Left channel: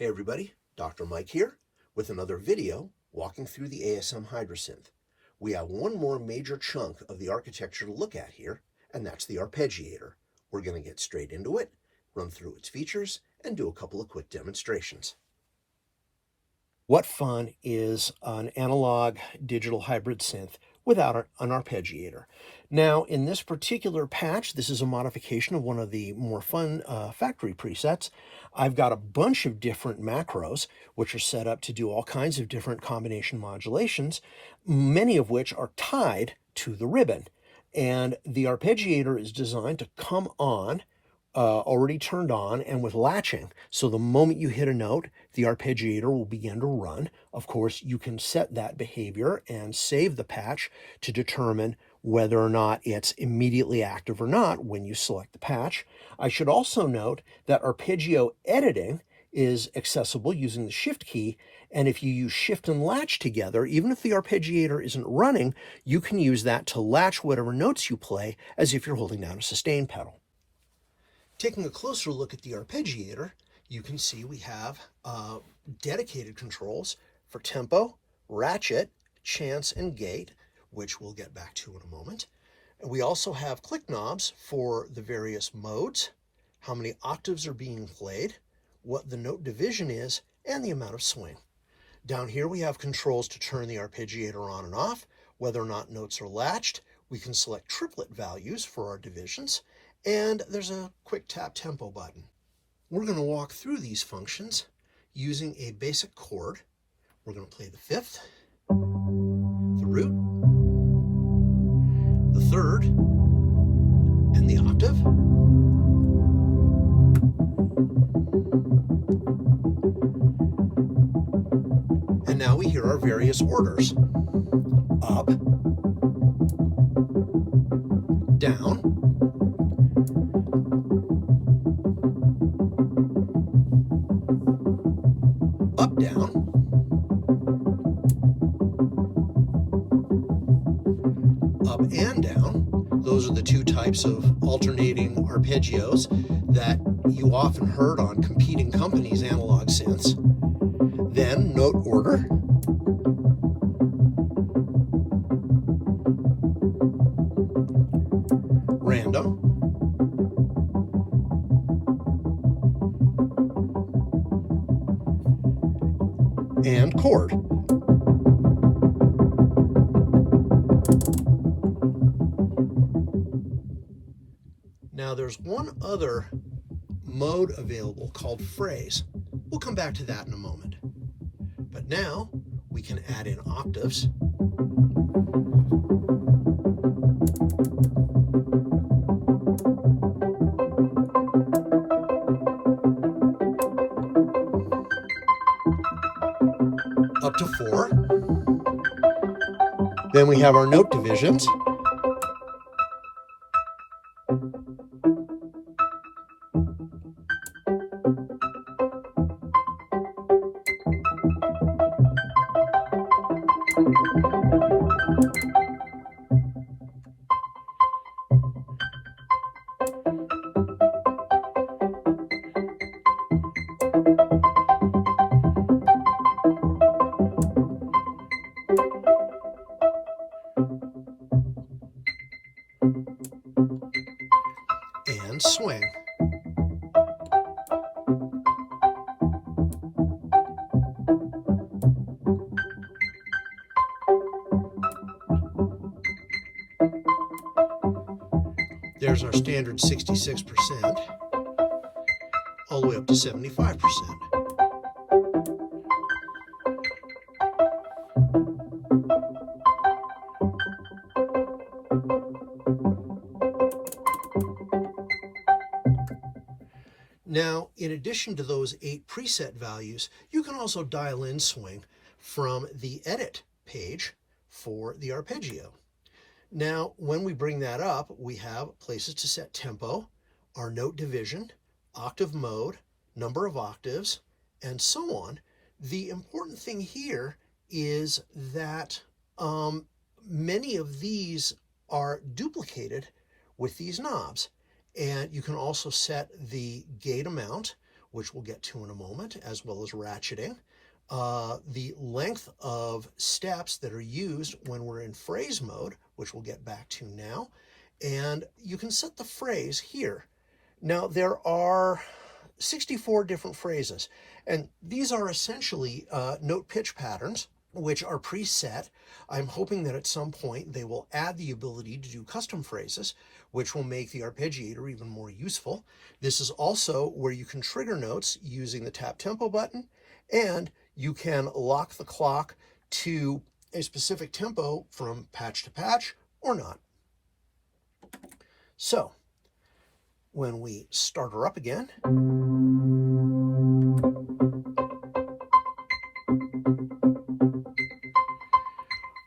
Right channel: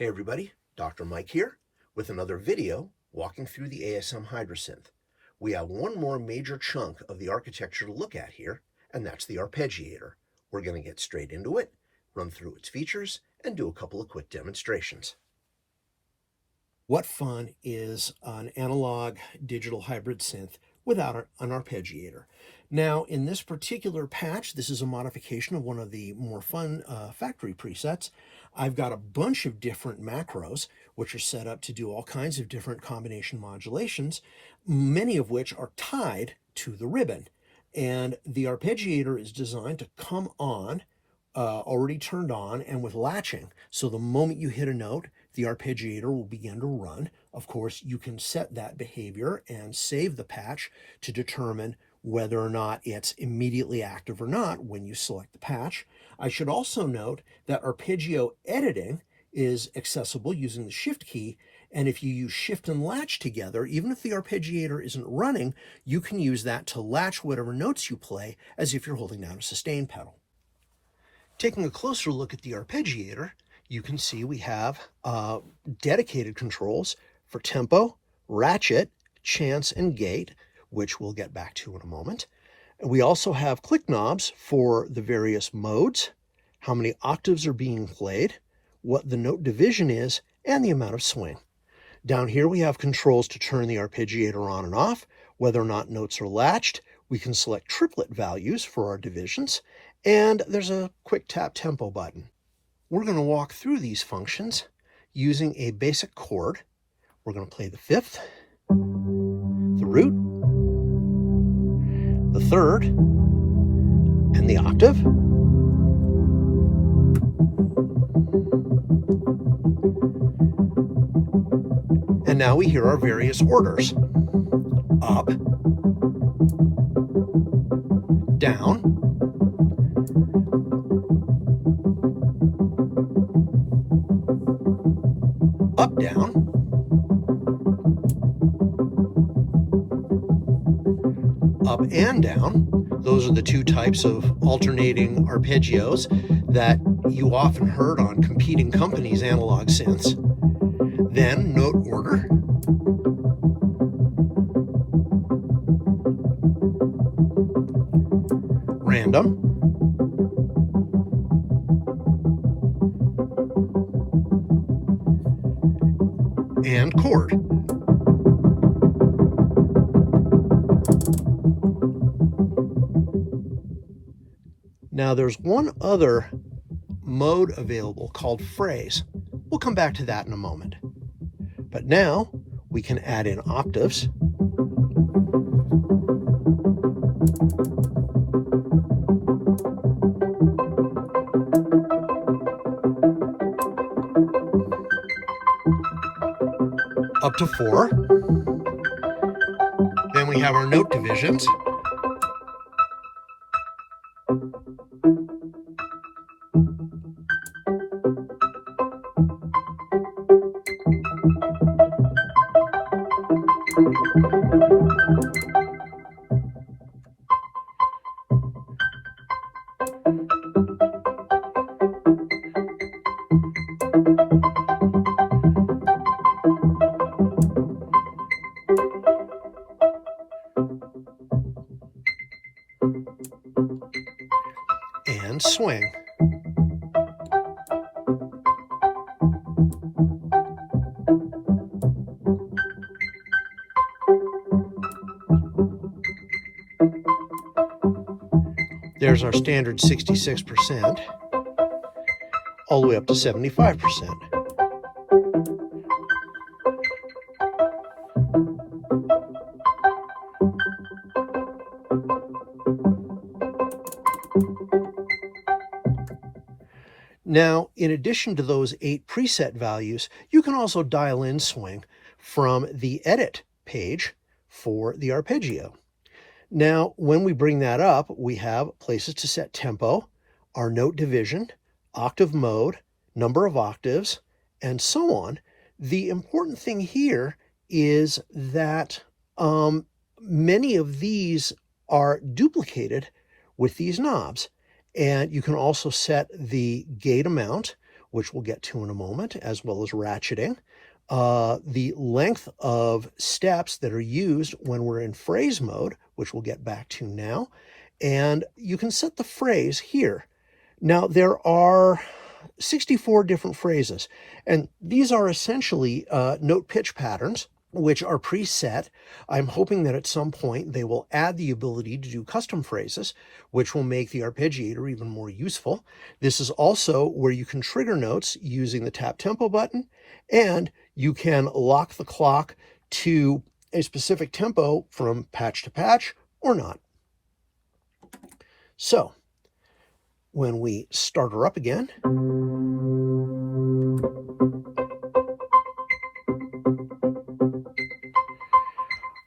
Hey everybody, Dr. Mike here with another video walking through the ASM Hydrasynth. We have one more major chunk of the architecture to look at here, and that's the Arpeggiator. We're going to get straight into it, run through its features, and do a couple of quick demonstrations. What fun is an analog digital hybrid synth without an arpeggiator? Now, in this particular patch, this is a modification of one of the more fun factory presets. I've got a bunch of different macros, which are set up to do all kinds of different combination modulations, many of which are tied to the ribbon. And the arpeggiator is designed to come on already turned on and with latching. So the moment you hit a note, the arpeggiator will begin to run. Of course, you can set that behavior and save the patch to determine whether or not it's immediately active or not when you select the patch. I should also note that arpeggio editing is accessible using the Shift key, and if you use Shift and Latch together, even if the arpeggiator isn't running, you can use that to latch whatever notes you play as if you're holding down a sustain pedal. Taking a closer look at the arpeggiator, you can see we have dedicated controls for tempo, ratchet, chance, and gate, which we'll get back to in a moment. We also have click knobs for the various modes, how many octaves are being played, what the note division is, and the amount of swing. Down here we have controls to turn the arpeggiator on and off, whether or not notes are latched. We can select triplet values for our divisions, and there's a quick tap tempo button. We're going to walk through these functions using a basic chord. We're going to play the fifth, the root, the third, and the octave. And now we hear our various orders. Up, down, up, down, up and down. Those are the two types of alternating arpeggios that you often heard on competing companies' analog synths. Then note order, random, and chord. Now there's one other mode available called phrase. We'll come back to that in a moment. But now we can add in octaves, up to 4. Then we have our note divisions. And swing. There's our standard 66%, all the way up to 75%. Now, in addition to those 8 preset values, you can also dial in swing from the edit page for the arpeggio. Now, when we bring that up, we have places to set tempo, our note division, octave mode, number of octaves, and so on. The important thing here is that many of these are duplicated with these knobs. And you can also set the gate amount, which we'll get to in a moment, as well as ratcheting. The length of steps that are used when we're in phrase mode, which we'll get back to now. And you can set the phrase here. Now, there are 64 different phrases, and these are essentially note pitch patterns, which are preset. I'm hoping that at some point they will add the ability to do custom phrases, which will make the arpeggiator even more useful. This is also where you can trigger notes using the tap tempo button, and you can lock the clock to a specific tempo from patch to patch or not. So when we start her up again,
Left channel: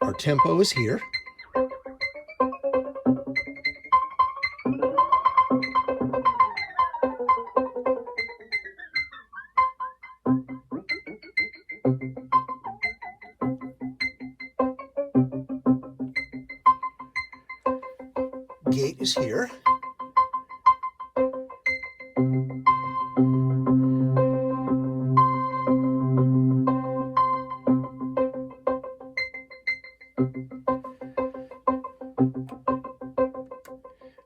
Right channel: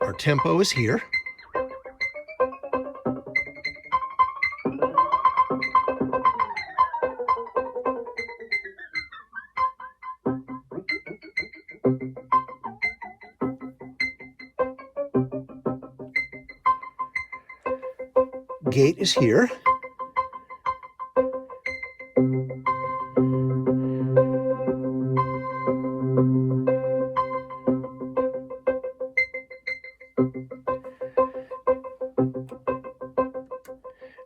our tempo is here. Gate is here.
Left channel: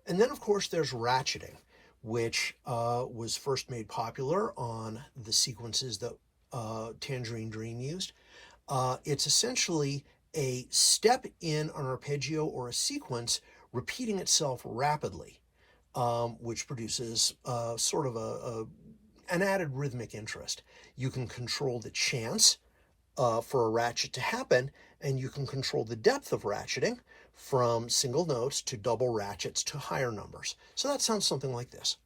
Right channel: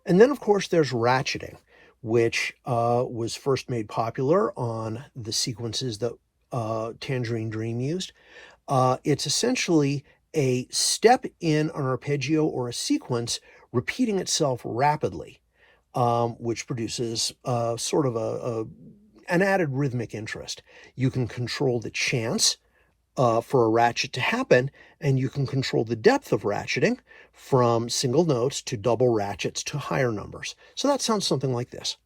And then, of course, there's ratcheting, which was first made popular on the sequences that Tangerine Dream used. It's essentially a step in an arpeggio or a sequence repeating itself rapidly, which produces sort of an added rhythmic interest. You can control the chance for a ratchet to happen, and you can control the depth of ratcheting from single notes to double ratchets to higher numbers. So that sounds something like this.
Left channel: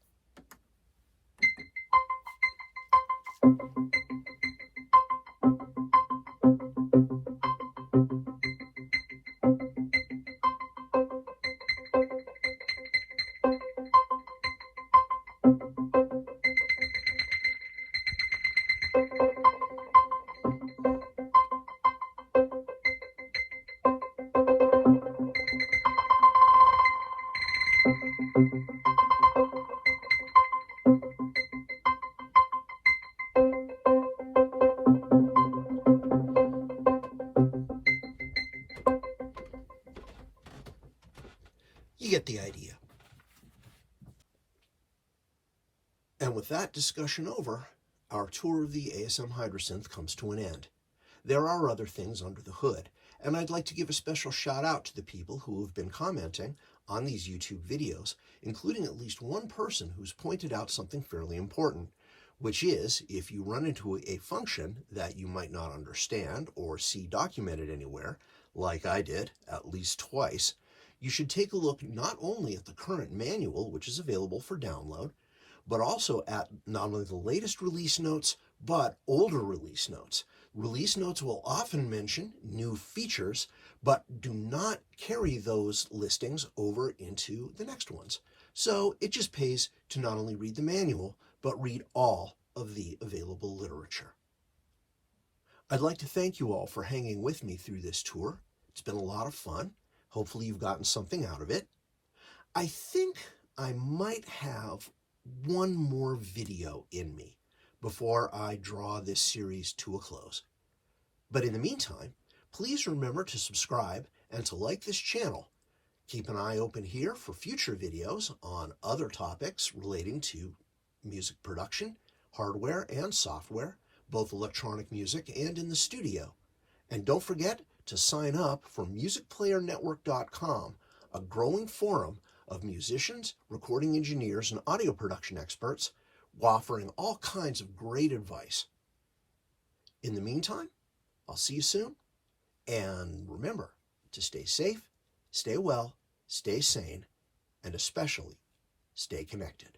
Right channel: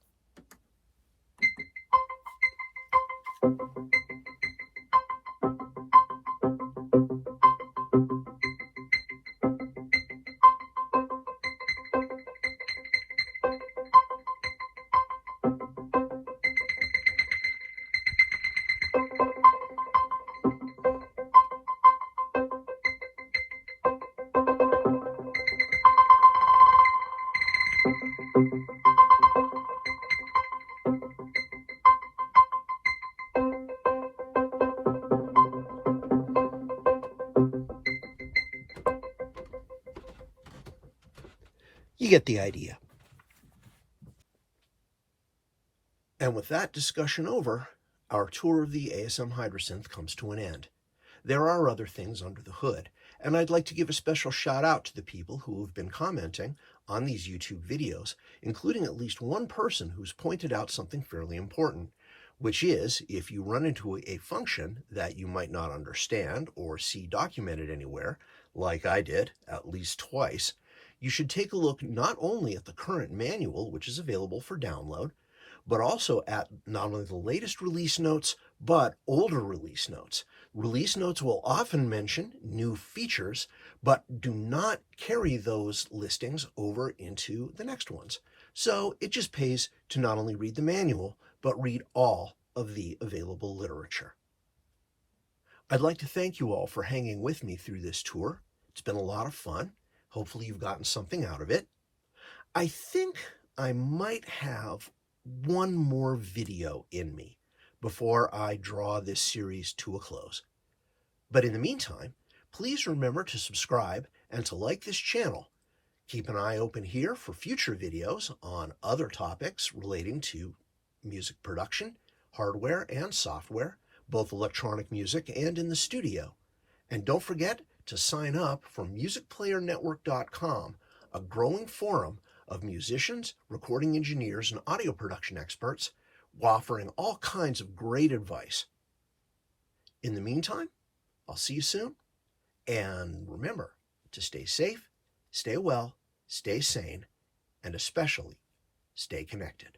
You get the idea. And with that discussion over, our tour of the ASM Hydrasynth comes to an end. There are other things under the hood, and I'd like to give a special shout out to the people who have been commenting on these YouTube videos, including at least one person who's pointed out something fairly important, which is if you run into a function that you might not understand or see documented anywhere, like I did at least twice, you should take a look not only at the current manual, which is available for download, but also at not only the latest release notes, but older release notes. Release notes will often mention new features, but do not carry those listings over into the next ones. So it just pays to not only read the manual, but read all of the available literature. I'd like to thank you all for hanging with me through this tour. It's been a lot of fun. Hopefully you've gotten something out of it. I think I might have one more video in me before I draw this series to a close. But in the meantime, please remember to subscribe and to like this channel. Keep an eye open here for future videos on other topics relating to music production, hardware and software, both electronic music and in the studio. And don't forget to sign up for musicplayernetwork.com, a growing forum of musicians, recording engineers, and audio production experts, offering all kinds of great advice. In the meantime, I'll see you soon, and remember to stay safe, stay well, stay sane, and especially stay connected.